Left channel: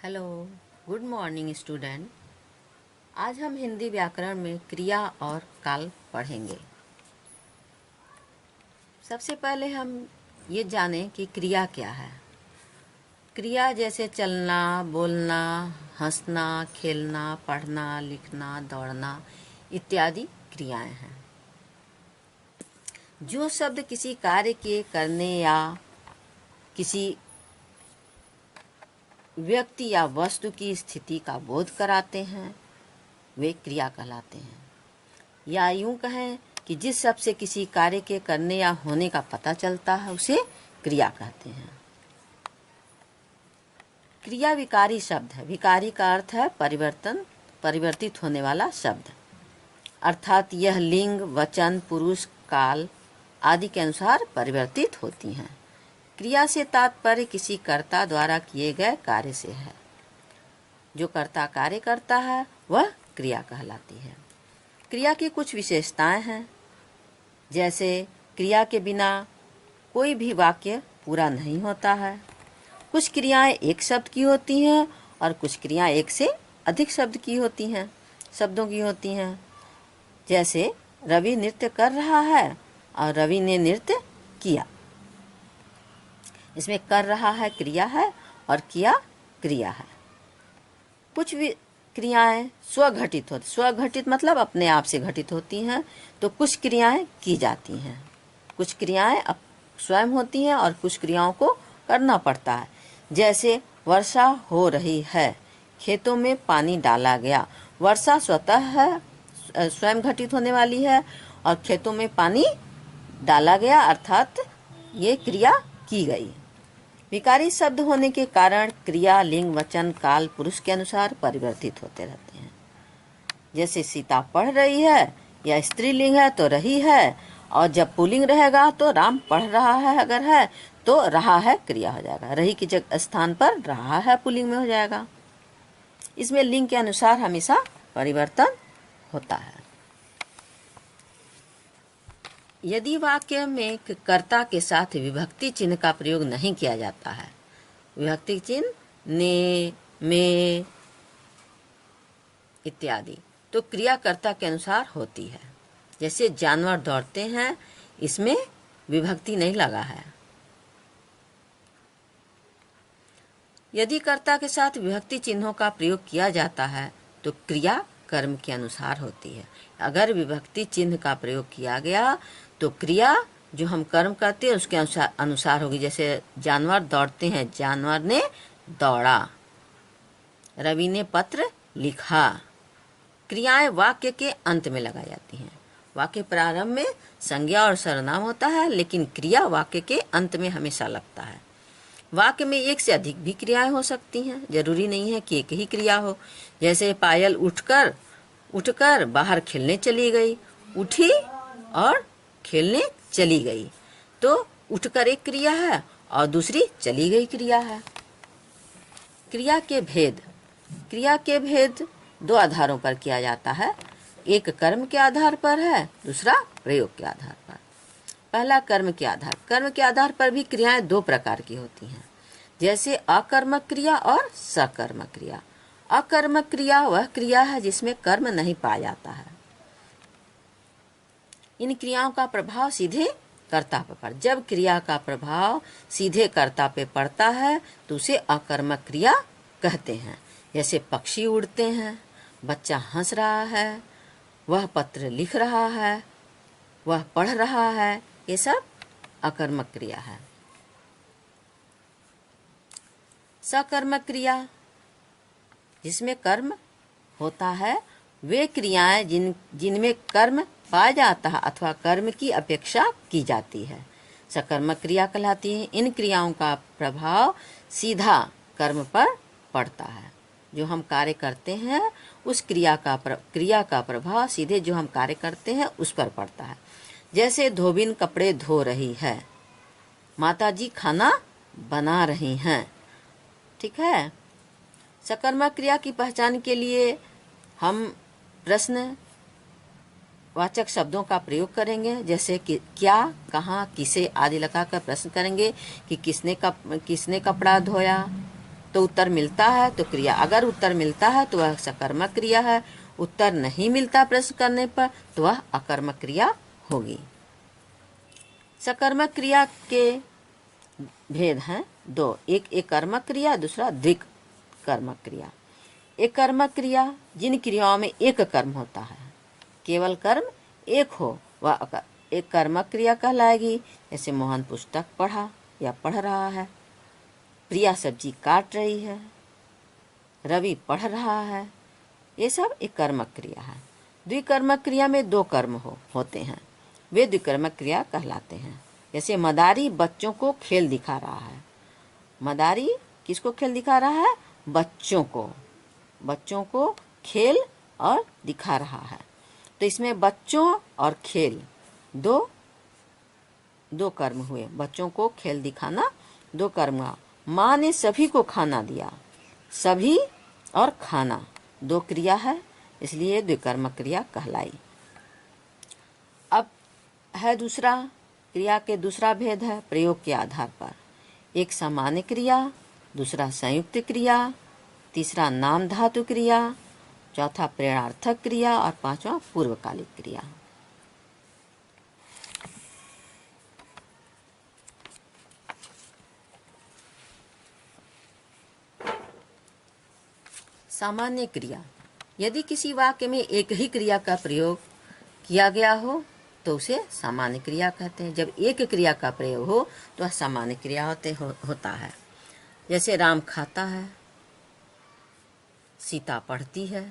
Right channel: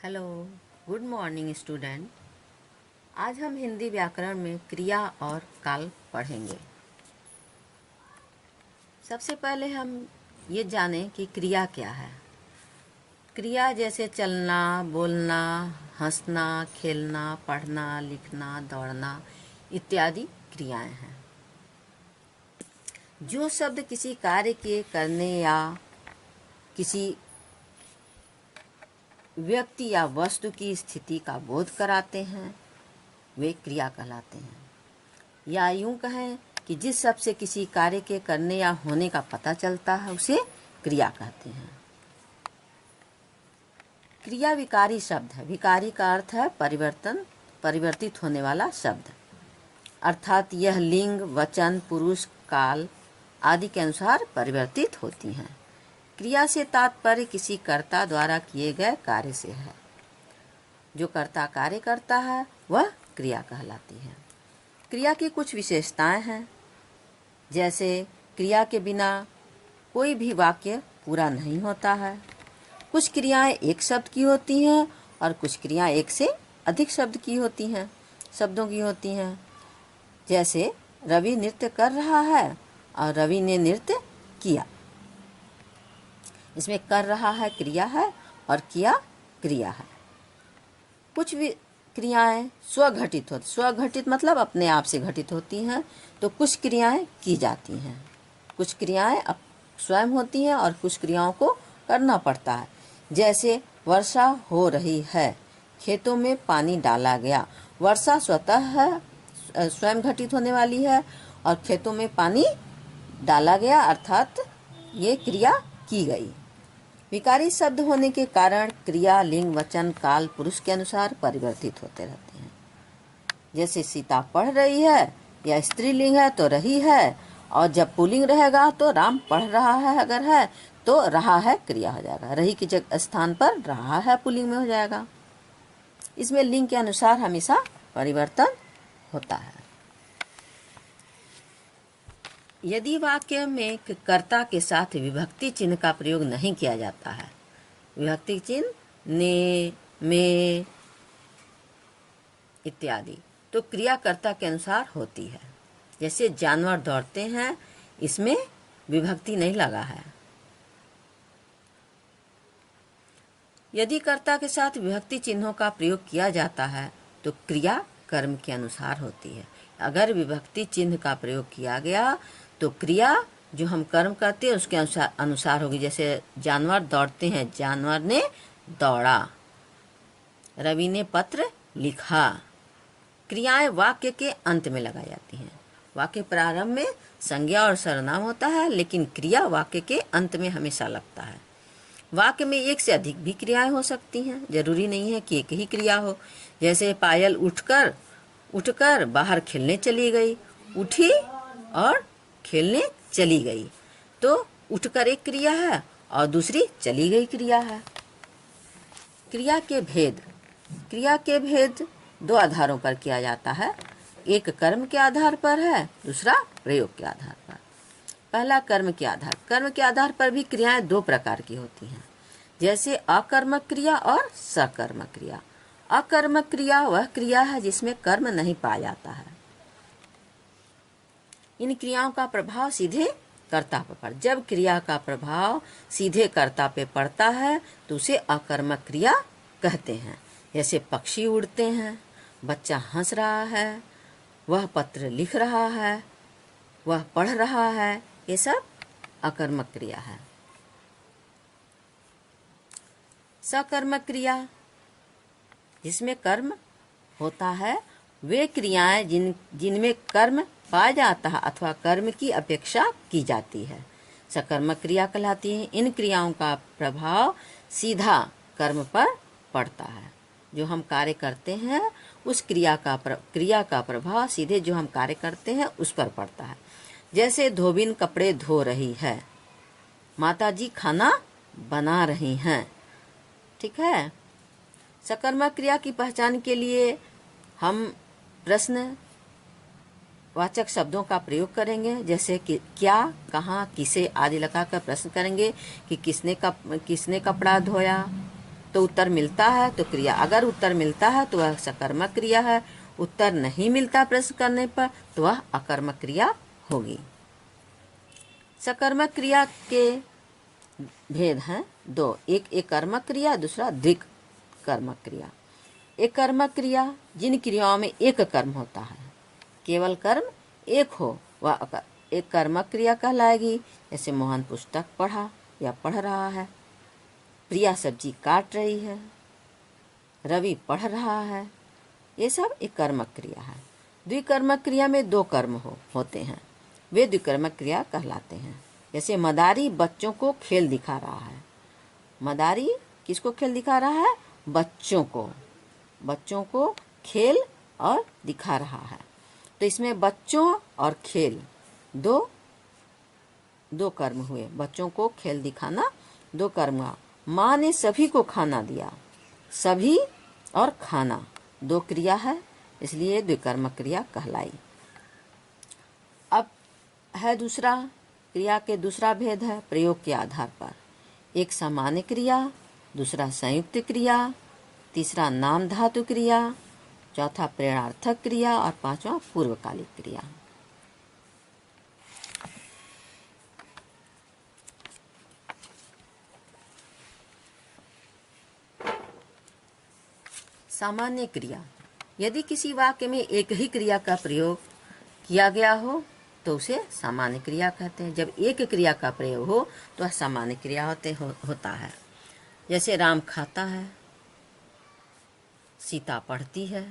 Hello, good morning student. आज हम हिंदी व्याकरण में क्रिया और काल पढ़ेंगे। सबसे पहले हम ये जानें कि क्रिया क्या है। क्रिया जैसे चलना, बोलना, हंसना, खेलना, पढ़ना, लिखना, दौड़ना इत्यादि क्रियाएं हैं। जो शब्द किसी कार्य के करने या किसी व्यक्ति या वस्तु की स्थिति का बोध कराते हैं वे क्रिया कहलाते हैं। या यूं कहें कि जिस शब्द से किसी कार्य के करने या होने का पता चलता है उसे क्रिया कहते हैं। क्रिया विकारी शब्द है। विकारी का अर्थ है परिवर्तित होने वाला शब्द, अर्थात यह लिंग, वचन, पुरुष, काल आदि के अनुसार परिवर्तित होती हैं। क्रिया से तात्पर्य किसी कर्ता द्वारा किए गए कार्य से है। जो कर्ता कार्य करता है वह क्रिया कहलाती है। क्रिया की कुछ विशेषताएं हैं, जैसे क्रिया के बिना कोई भी वाक्य पूरा नहीं होता है। कुछ क्रियाएं एक शब्द की होती हैं और कुछ क्रियाएं एक से अधिक शब्दों की होती हैं। जैसे रवि नृत्य कर रहा है और रवि ने नृत्य किया। इसमें कर रहा है क्रिया है और किया क्रिया है। कुछ भी क्रियाएं स्वघटित मतलब अपने आप से घटित होती हैं, तो कुछ क्रियाएं की जाती हैं। कुछ क्रियाएं स्वयं होती हैं और कुछ क्रियाओं को करना पड़ता है। जैसे वर्षा हो रही है, खेतों में पानी डाला गया। वर्षा स्वयं घटित होने वाली है और खेतों में पानी डाला गया, अर्थात ये क्रिया की गई। विकारी शब्द होने के कारण क्रिया लिंग, वचन, काल, पुरुष के अनुसार परिवर्तित होते रहते हैं। जैसे सीता पढ़ रही है, या स्त्रीलिंग है तो रही है, और जब पुल्लिंग रहेगा तो राम पढ़ रहा है, अगर है तो रहा है क्रिया हो जाएगा। रही की जगह स्थान पर रहा है पुल्लिंग में हो जाएगा। इसमें लिंग के अनुसार हमेशा परिवर्तन होता है। यदि वाक्य में कर्ता के साथ विभक्ति चिन्ह का प्रयोग नहीं किया जाता है, विभक्ति चिन्ह ने, में इत्यादि, तो क्रिया कर्ता के अनुसार होती है। जैसे जानवर दौड़ते हैं, इसमें विभक्ति नहीं लगा है। यदि कर्ता के साथ विभक्ति चिन्हों का प्रयोग किया जाता है तो क्रिया कर्म के अनुसार होती है। अगर विभक्ति चिन्ह का प्रयोग किया गया तो क्रिया जो हम कर्म करते हैं उसके अनुसार होगी। जैसे जानवर दौड़ते हैं, जानवर ने दौड़ा। रवि ने पत्र लिखा। क्रियाएं वाक्य के अंत में लगाई जाती हैं। वाक्य प्रारंभ में संज्ञा और सर्वनाम होता है, लेकिन क्रिया वाक्य के अंत में हमेशा लगता है। वाक्य में एक से अधिक भी क्रियाएं हो सकती हैं, जरूरी नहीं है कि एक ही क्रिया हो। जैसे पायल उठकर बाहर खेलने चली गई। उठी और खेलने चली गई, तो उठकर एक क्रिया है और दूसरी चली गई क्रिया है। क्रिया के भेद दो आधारों पर किया जाता है। एक कर्म के आधार पर है, दूसरा प्रयोग के आधार पर। पहला कर्म के आधार पर भी क्रियाएं दो प्रकार की होती हैं, जैसे अकर्मक क्रिया और सकर्मक क्रिया। अकर्मक क्रिया वह क्रिया है जिसमें कर्म नहीं पाया जाता है। इन क्रियाओं का प्रभाव सीधे कर्ता पर जब क्रिया का प्रभाव सीधे कर्ता पे पड़ता है तो उसे अकर्मक क्रिया कहते हैं। जैसे पक्षी उड़ते हैं, बच्चा हंस रहा है, वह पत्र लिख रहा है, वह पढ़ रहा है, ये सब अकर्मक क्रिया है। सकर्मक क्रिया जिसमें कर्म होता है, वे क्रियाएं जिनमें कर्म पाया जाता है अथवा कर्म की अपेक्षा की जाती है, सकर्मक क्रिया कहलाती है। इन क्रियाओं का प्रभाव सीधा कर्म पर पड़ता है। जो हम कार्य करते हैं उस क्रिया का प्रभाव सीधे जो हम कार्य करते हैं उस पर पड़ता है। जैसे धोबिन कपड़े धो रही है, माताजी खाना बना रही हैं। ठीक है। सकर्मक क्रिया की पहचान के लिए हम प्रश्न वाचक शब्दों का प्रयोग करेंगे। जैसे कि क्या, कहाँ, किसे आदि लगाकर प्रश्न करेंगे कि किसने कपड़ा धोया, तो उत्तर मिलता है तो क्रिया, अगर उत्तर मिलता है तो वह सकर्मक क्रिया है, उत्तर नहीं मिलता प्रश्न करने पर तो वह अकर्मक क्रिया होगी। सकर्मक क्रिया के भेद हैं दो, एक कर्मक क्रिया, दूसरा द्विकर्मक क्रिया। एक कर्मक क्रिया जिन क्रियाओं में एक कर्म होता है, केवल कर्म एक हो, वह एक कर्मक क्रिया कहलाएगी। जैसे मोहन पुस्तक पढ़ा या पढ़ रहा है, प्रिया सब्जी काट रही है, रवि पढ़ रहा है, ये सब एक कर्मक क्रिया है। द्विकर्मक क्रिया में दो कर्म होते हैं, वे द्विकर्मक क्रिया कहलाते हैं। जैसे मदारी बच्चों को खेल दिखा रहा है, मदारी किसको खेल दिखा रहा है? बच्चों को खेल और दिखा रहा है। तो इसमें बच्चों और खेल दो कर्म हुए, बच्चों को खेल दिखाना दो कर्म। माँ ने सभी को खाना दिया, सभी और खाना दो क्रिया है, इसलिए द्विकर्मक क्रिया कहलाई। अब है दूसरा क्रिया के दूसरा भेद है प्रयोग के आधार पर, एक सामान्य क्रिया, दूसरा संयुक्त क्रिया, तीसरा नाम धातु क्रिया, चौथा प्रेरणार्थक क्रिया और पांचवा पूर्वकालिक क्रिया। सामान्य क्रिया, यदि किसी वाक्य में एक ही क्रिया का प्रयोग किया गया हो तो उसे सामान्य क्रिया कहते हैं। जब एक क्रिया का प्रयोग हो तो वह सामान्य क्रिया होता है। जैसे राम खाता है, सीता पढ़ती है।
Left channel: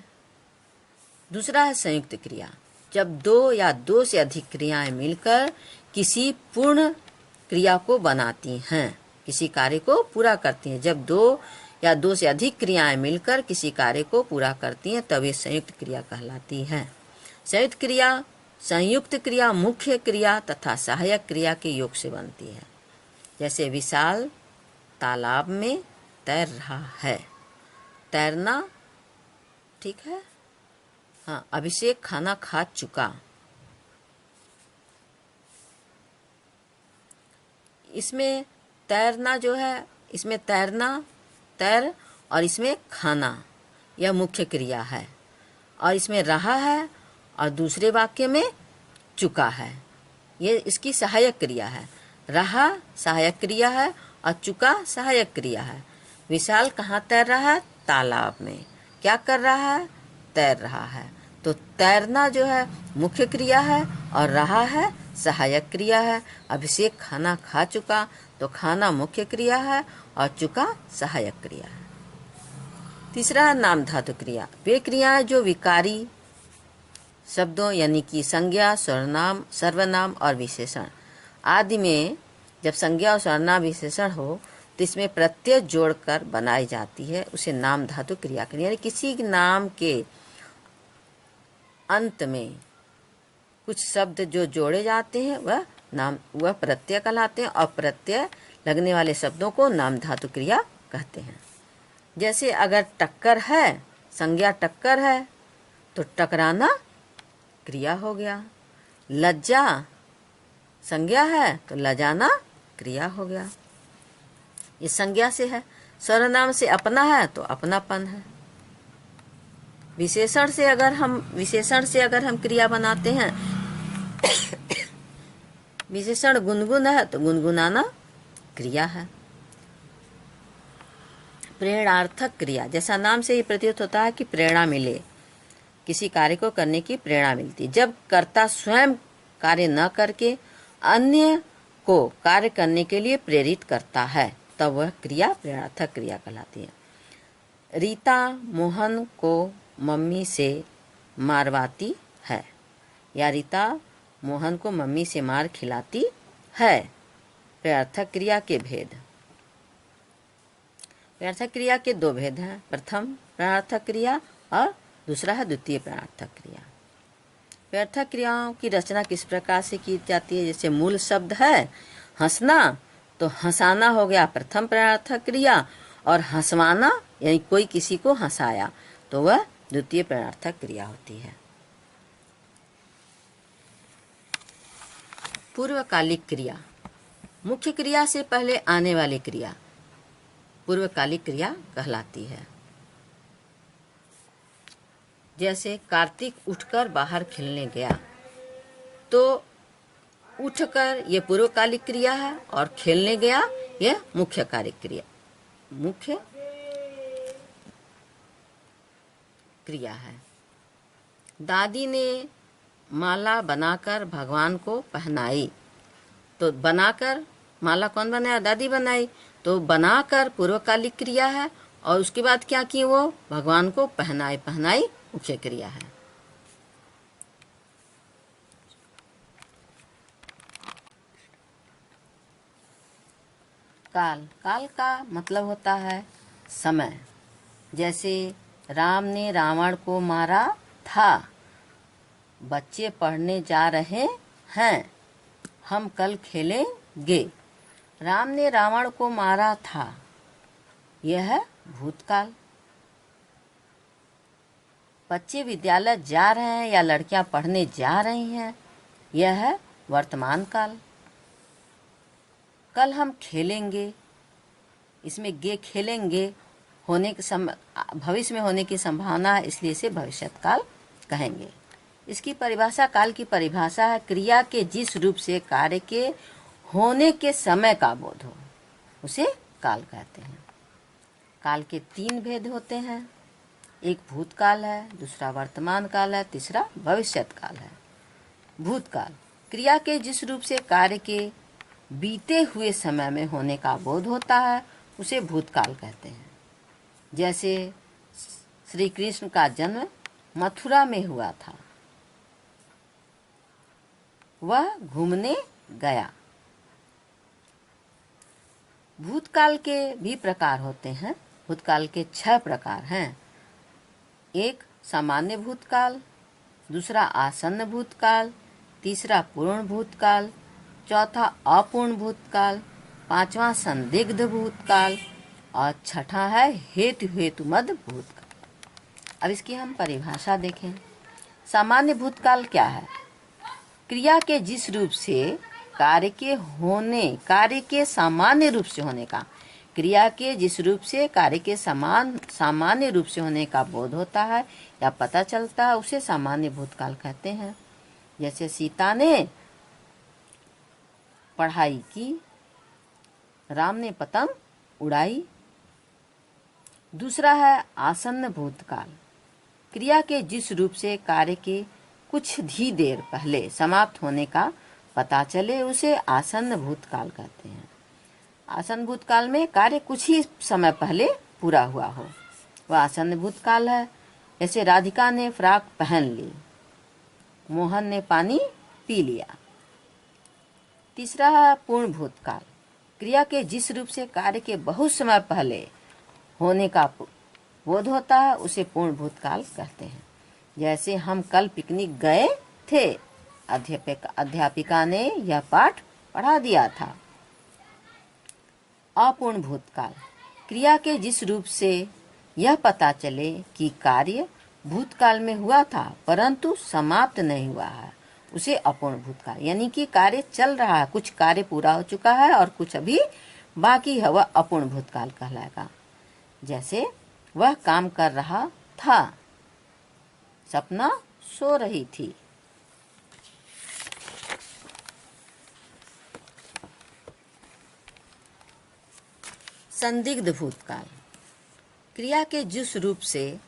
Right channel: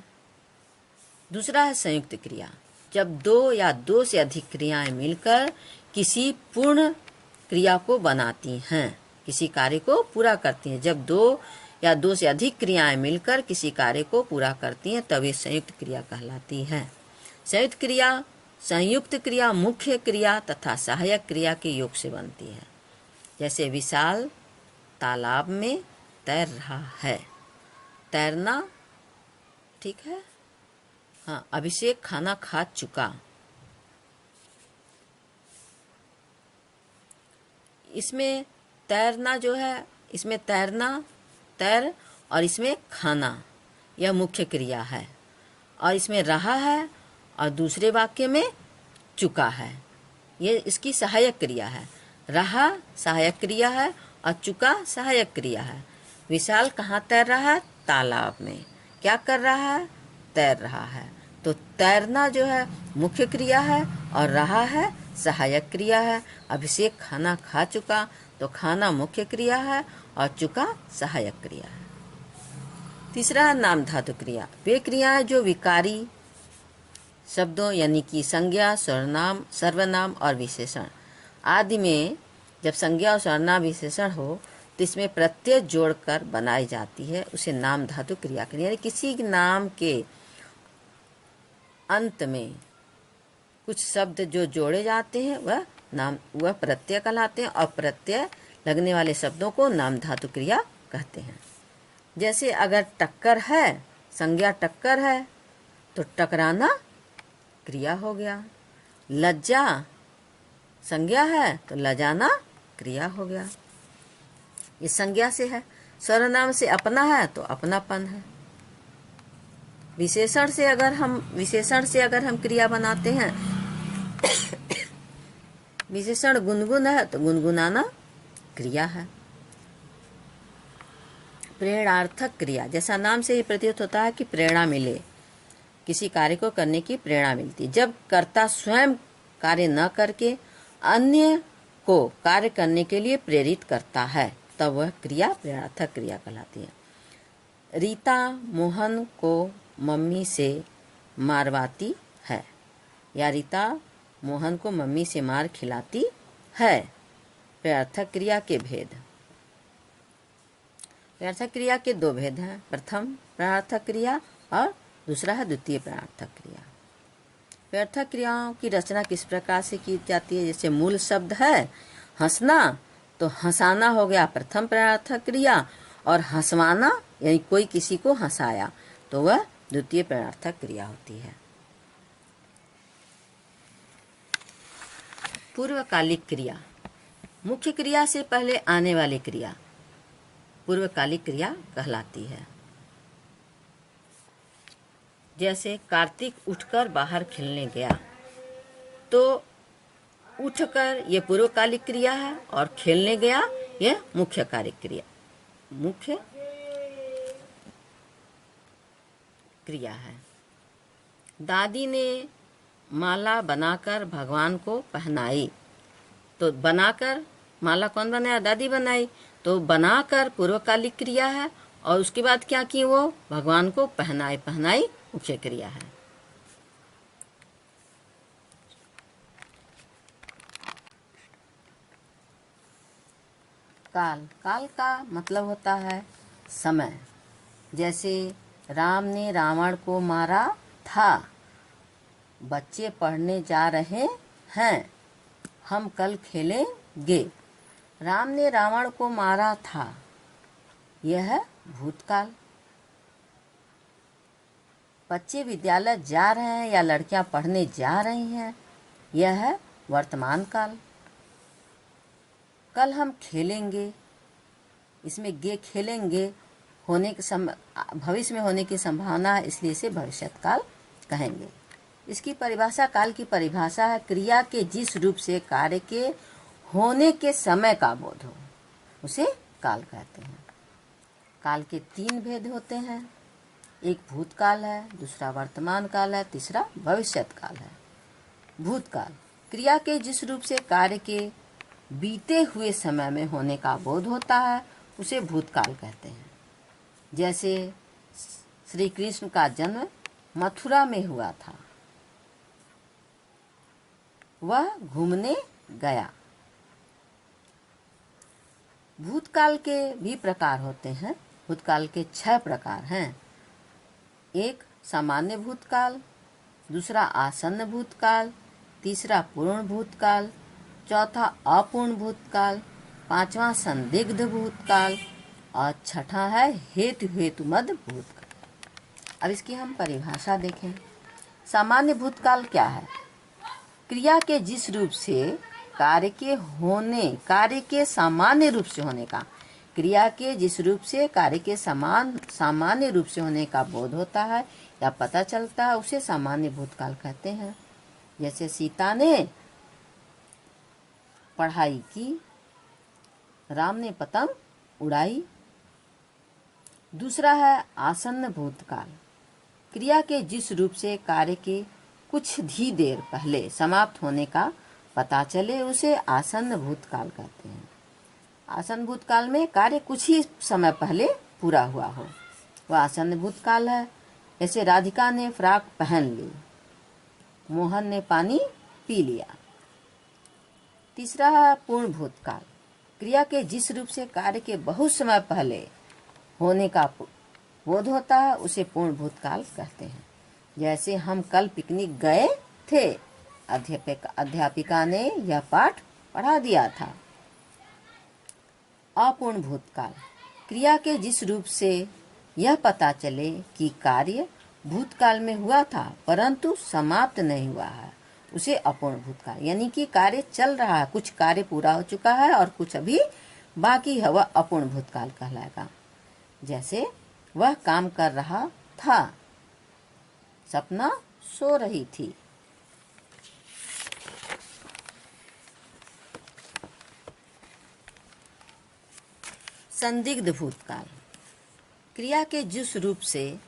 दूसरा है संयुक्त क्रिया, जब दो या दो से अधिक क्रियाएं मिलकर किसी पूर्ण क्रिया को बनाती हैं, किसी कार्य को पूरा करती हैं। जब दो या दो से अधिक क्रियाएं मिलकर किसी कार्य को पूरा करती हैं तब ये संयुक्त क्रिया कहलाती है। संयुक्त क्रिया मुख्य क्रिया तथा सहायक क्रिया के योग से बनती है। जैसे विशाल तालाब में तैर रहा है, तैरना ठीक है। हाँ, अभिषेक खाना खा चुका, इसमें तैरना जो है, इसमें तैरना, तैर और इसमें खाना, यह मुख्य क्रिया है। और इसमें रहा है और दूसरे वाक्य में चुका है, ये इसकी सहायक क्रिया है। रहा सहायक क्रिया है और चुका सहायक क्रिया है। विशाल कहाँ तैर रहा है? तालाब में। क्या कर रहा है? तैर रहा है। तो तैरना जो है मुख्य क्रिया है और रहा है सहायक क्रिया है। अभिषेक खाना खा चुका, तो खाना मुख्य क्रिया है और चुका सहायक क्रिया है। तीसरा है नाम धातु क्रिया, वे क्रियाएं जो विकारी शब्दों यानी कि संज्ञा, सर्वनाम और विशेषण आदि में जब संज्ञा और सर्वनाम विशेषण हो तो इसमें प्रत्यय जोड़कर बनाई जाती है, उसे नाम धातु क्रिया कहते हैं। यानी किसी नाम के अंत में कुछ शब्द जो जोड़े जाते हैं वह प्रत्यय कहलाते हैं और प्रत्यय लगने वाले शब्दों को नाम धातु क्रिया कहते हैं। जैसे अगर टक्कर है, संज्ञा टक्कर है तो टकराना क्रिया हो गया। लज्जा संज्ञा है तो लजाना क्रिया हो गया, ये संज्ञा से है। सर्वनाम से अपना है तो अपनापन है। विशेषण से अगर हम क्रिया बनाते हैं विशेषण गुनगुन है तो गुनगुनाना क्रिया है। प्रेरणार्थक क्रिया, जैसा नाम से ही प्रतीत होता है कि प्रेरणा मिले, किसी कार्य को करने की प्रेरणा मिलती। जब कर्ता स्वयं कार्य न करके अन्य को कार्य करने के लिए प्रेरित करता है तब वह क्रिया प्रेरणार्थक क्रिया कहलाती है। रीता मोहन को मम्मी से मारवाती है, या रीता मोहन को मम्मी से मार खिलाती है। प्रेरणार्थक क्रिया के भेद, प्रेरणार्थक क्रिया के दो भेद हैं, प्रथम प्रेरणार्थक क्रिया और दूसरा है द्वितीय प्रेरणार्थक क्रिया। प्रेरणार्थक क्रियाओं की रचना किस प्रकार से की जाती है? जैसे मूल शब्द है हंसना, तो हंसाना हो गया प्रथम प्रेरणार्थक क्रिया, और हंसवाना यानी कोई किसी को हंसाया तो वह द्वितीय प्रेरणार्थक क्रिया होती है। पूर्वकालिक क्रिया, मुख्य क्रिया से पहले आने वाली क्रिया। पूर्वकालिक क्रिया कहलाती है। जैसे कार्तिक उठकर बाहर खेलने गया, तो उठकर ये पूर्वकालिक क्रिया है और खेलने गया यह मुख्य क्रिया है। दादी ने माला बनाकर भगवान को पहनाई, तो बनाकर माला कौन बनाया? दादी बनाई। तो बनाकर पूर्वकालिक क्रिया है और उसके बाद क्या की? वो भगवान को पहनाई मुख्य क्रिया है। काल का मतलब होता है समय। जैसे राम ने रावण को मारा था, बच्चे पढ़ने जा रहे हैं, हम कल खेलेंगे। राम ने रावण को मारा था, यह है भूतकाल। बच्चे विद्यालय जा रहे हैं या लड़कियां पढ़ने जा रही हैं, यह है वर्तमान काल। कल हम खेलेंगे, इसमें गे खेलेंगे होने के भविष्य में होने की संभावना है, इसलिए इसे भविष्यत काल कहेंगे। इसकी परिभाषा, काल की परिभाषा है क्रिया के जिस रूप से कार्य के होने के समय का बोध हो, उसे काल कहते हैं। काल के 3 भेद होते हैं, एक भूतकाल है, दूसरा वर्तमान काल है, तीसरा भविष्यत काल है। भूतकाल क्रिया के जिस रूप से कार्य के बीते हुए समय में होने का बोध होता है, उसे भूतकाल कहते हैं। जैसे श्री कृष्ण का जन्म मथुरा में हुआ था, वह घूमने गया। भूतकाल के भी प्रकार होते हैं। भूतकाल के 6 प्रकार हैं। एक सामान्य भूतकाल, दूसरा आसन्न भूतकाल, तीसरा पूर्ण भूतकाल, चौथा अपूर्ण भूतकाल, 5वां संदिग्ध भूतकाल और छठा है हेतुमद भूतकाल। अब इसकी हम परिभाषा देखें। सामान्य भूतकाल क्या है? क्रिया के जिस रूप से कार्य के सामान्य रूप से होने का, क्रिया के जिस रूप से कार्य के सामान्य रूप से होने का बोध होता है या पता चलता है, उसे सामान्य भूतकाल कहते हैं। जैसे सीता ने पढ़ाई की, राम ने पतंग उड़ाई। दूसरा है आसन्न भूतकाल। क्रिया के जिस रूप से कार्य के कुछ ही देर पहले समाप्त होने का पता चले, उसे आसन्न भूतकाल कहते हैं। आसन्न भूतकाल में कार्य कुछ ही समय पहले पूरा हुआ हो, वह आसन्न भूतकाल है। जैसे राधिका ने फ्रॉक पहन ली, मोहन ने पानी पी लिया। तीसरा है पूर्ण भूतकाल। क्रिया के जिस रूप से कार्य के बहुत समय पहले होने का बोध होता है, उसे पूर्ण भूतकाल कहते हैं। जैसे हम कल पिकनिक गए थे, अध्यापिका ने यह पाठ पढ़ा दिया था। अपूर्ण भूतकाल। क्रिया के जिस रूप से यह पता चले कि कार्य भूतकाल में हुआ था परंतु समाप्त नहीं हुआ है, उसे अपूर्ण भूतकाल। यानी कि कार्य चल रहा है, कुछ कार्य पूरा हो चुका है और कुछ अभी बाकी है, वह अपूर्ण भूतकाल कहलाएगा। जैसे वह काम कर रहा था, सपना सो रही थी। संदिग्ध भूतकाल। क्रिया के जिस रूप से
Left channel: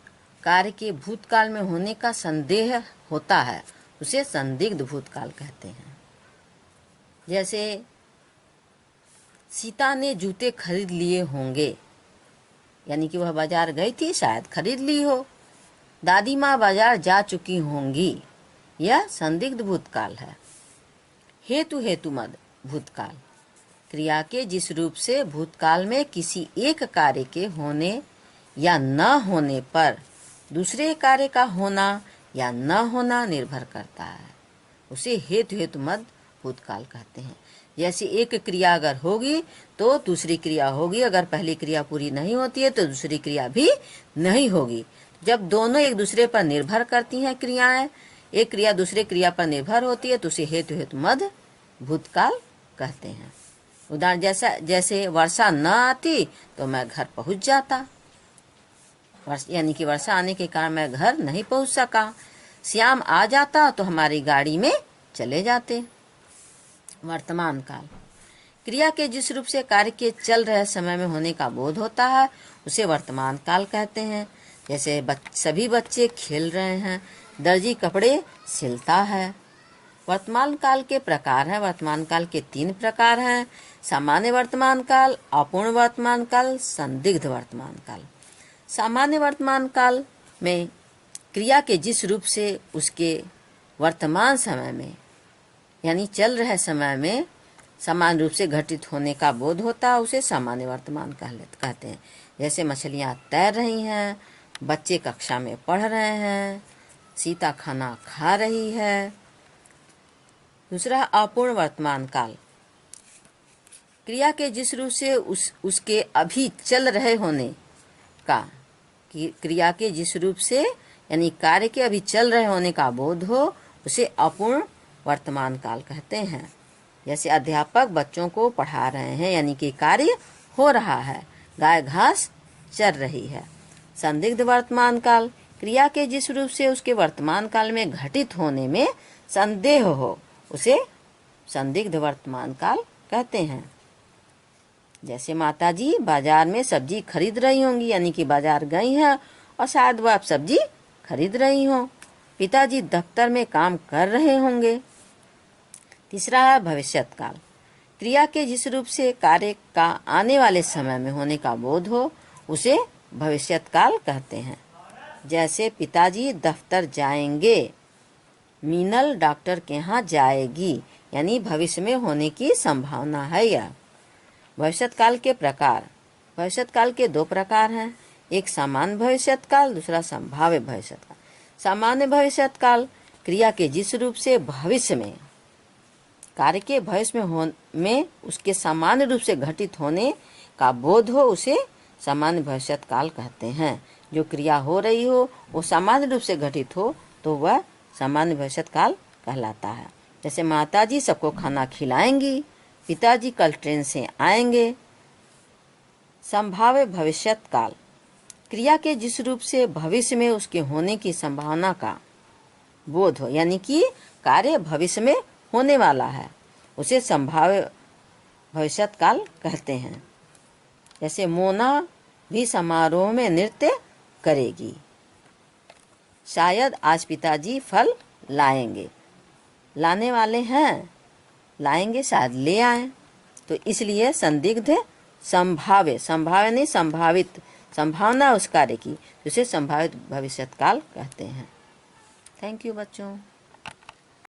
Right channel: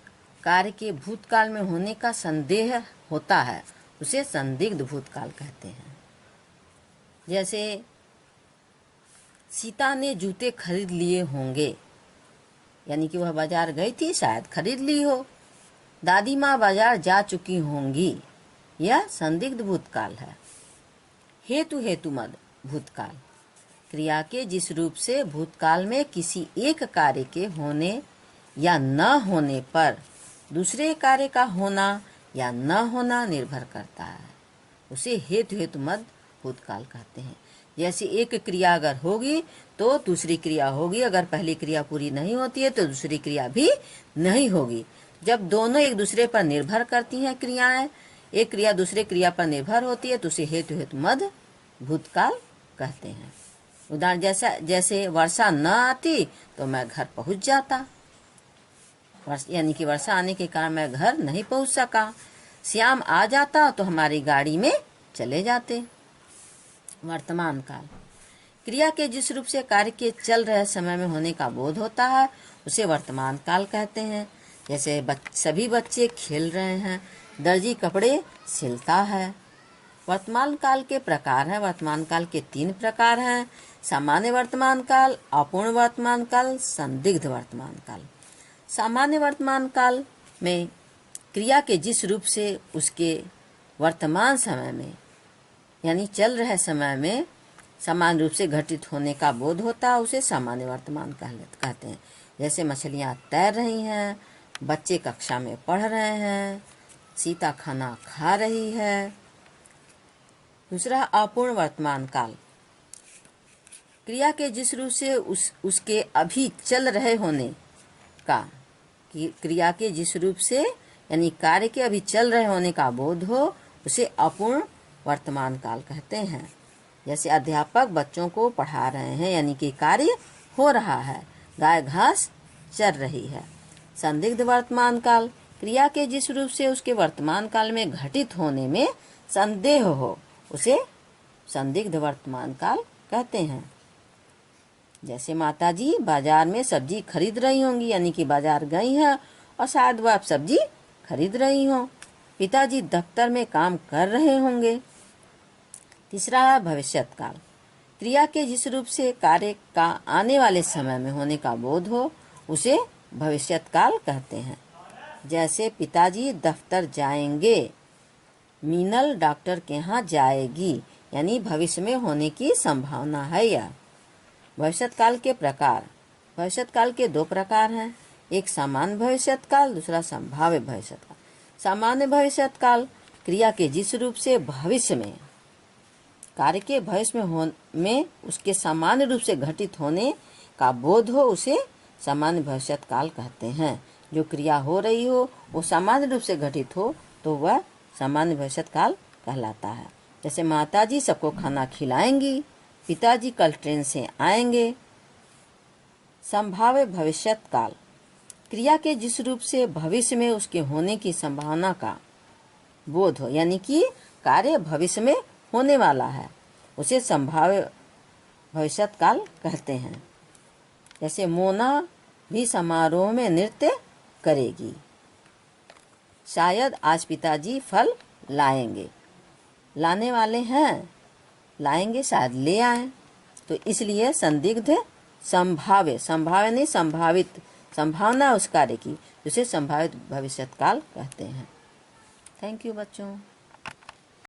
कार्य के भूतकाल में होने का संदेह होता है, उसे संदिग्ध भूतकाल कहते हैं। जैसे सीता ने जूते खरीद लिए होंगे, यानी कि वह बाजार गई थी, शायद खरीद ली हो। दादी माँ बाजार जा चुकी होंगी, यह संदिग्ध भूतकाल है। हेतुमद भूतकाल। क्रिया के जिस रूप से भूतकाल में किसी एक कार्य के होने या न होने पर दूसरे कार्य का होना या न होना निर्भर करता है, उसे हेतुमद भूतकाल कहते हैं। जैसे एक क्रिया अगर होगी तो दूसरी क्रिया होगी, अगर पहली क्रिया पूरी नहीं होती है तो दूसरी क्रिया भी नहीं होगी। जब दोनों एक दूसरे पर निर्भर करती हैं क्रियाएं, एक क्रिया दूसरे क्रिया पर निर्भर होती है, तो उसे हेतुमद भूतकाल कहते हैं। उदाहरण जैसे वर्षा न आती तो मैं घर पहुंच जाता, यानी कि वर्षा आने के कारण मैं घर नहीं पहुंच सका। श्याम आ जाता तो हमारी गाड़ी में चले जाते। वर्तमान काल, क्रिया के जिस रूप से कार्य के चल रहे समय में होने का बोध होता है उसे वर्तमान काल कहते हैं। जैसे सभी बच्चे खेल रहे हैं, दर्जी कपड़े सिलता है। वर्तमान काल के प्रकार हैं। वर्तमान काल के 3 प्रकार हैं: सामान्य वर्तमान काल, अपूर्ण वर्तमान काल, संदिग्ध वर्तमान काल। सामान्य वर्तमान काल में क्रिया के जिस रूप से उसके वर्तमान समय में यानी चल रहे समय में समान रूप से घटित होने का बोध होता है उसे सामान्य वर्तमान कहते हैं। जैसे मछलियाँ तैर रही हैं, बच्चे कक्षा में पढ़ रहे हैं, सीता खाना खा रही है। दूसरा, अपूर्ण वर्तमान काल, क्रिया के जिस रूप से उसके अभी चल रहे होने का, क्रिया के जिस रूप से यानी कार्य के अभी चल रहे होने का बोध हो उसे अपूर्ण वर्तमान काल कहते हैं। जैसे अध्यापक बच्चों को पढ़ा रहे हैं यानी कि कार्य हो रहा है, गाय घास चर रही है। संदिग्ध वर्तमान काल, क्रिया के जिस रूप से उसके वर्तमान काल में घटित होने में संदेह हो उसे संदिग्ध वर्तमान काल कहते हैं। जैसे माताजी बाजार में सब्जी खरीद रही होंगी यानी कि बाजार गई हैं और शायद वह आप सब्जी खरीद रही हों। पिताजी दफ्तर में काम कर रहे होंगे। तीसरा है भविष्यत काल, क्रिया के जिस रूप से कार्य का आने वाले समय में होने का बोध हो उसे भविष्यत काल कहते हैं। जैसे पिताजी दफ्तर जाएंगे, मीनल डॉक्टर के यहाँ जाएगी, यानी भविष्य में होने की संभावना है। यह भविष्यत काल के प्रकार, भविष्यत काल के 2 प्रकार हैं, एक सामान्य भविष्यत काल, दूसरा संभाव्य भविष्यत काल। सामान्य भविष्यत काल, क्रिया के जिस रूप से भविष्य में कार्य के भविष्य में उसके सामान्य रूप से घटित होने का बोध हो उसे सामान्य भविष्यत काल कहते हैं। जो क्रिया हो रही हो वो सामान्य रूप से घटित हो तो वह सामान्य भविष्यत काल कहलाता है। जैसे माताजी सबको खाना खिलाएंगी, पिताजी कल ट्रेन से आएंगे। संभाव्य भविष्यत काल, क्रिया के जिस रूप से भविष्य में उसके होने की संभावना का बोध हो यानी कि कार्य भविष्य में होने वाला है उसे संभाव्य भविष्यत काल कहते हैं। जैसे मोना भी समारोह में नृत्य करेगी, शायद आज पिताजी फल लाएंगे, लाने वाले हैं, लाएंगे शायद ले आए। तो इसलिए संदिग्ध संभाव्य नहीं संभावित, संभावना उस कार्य की जिसे संभावित भविष्यत काल कहते हैं। थैंक यू बच्चों।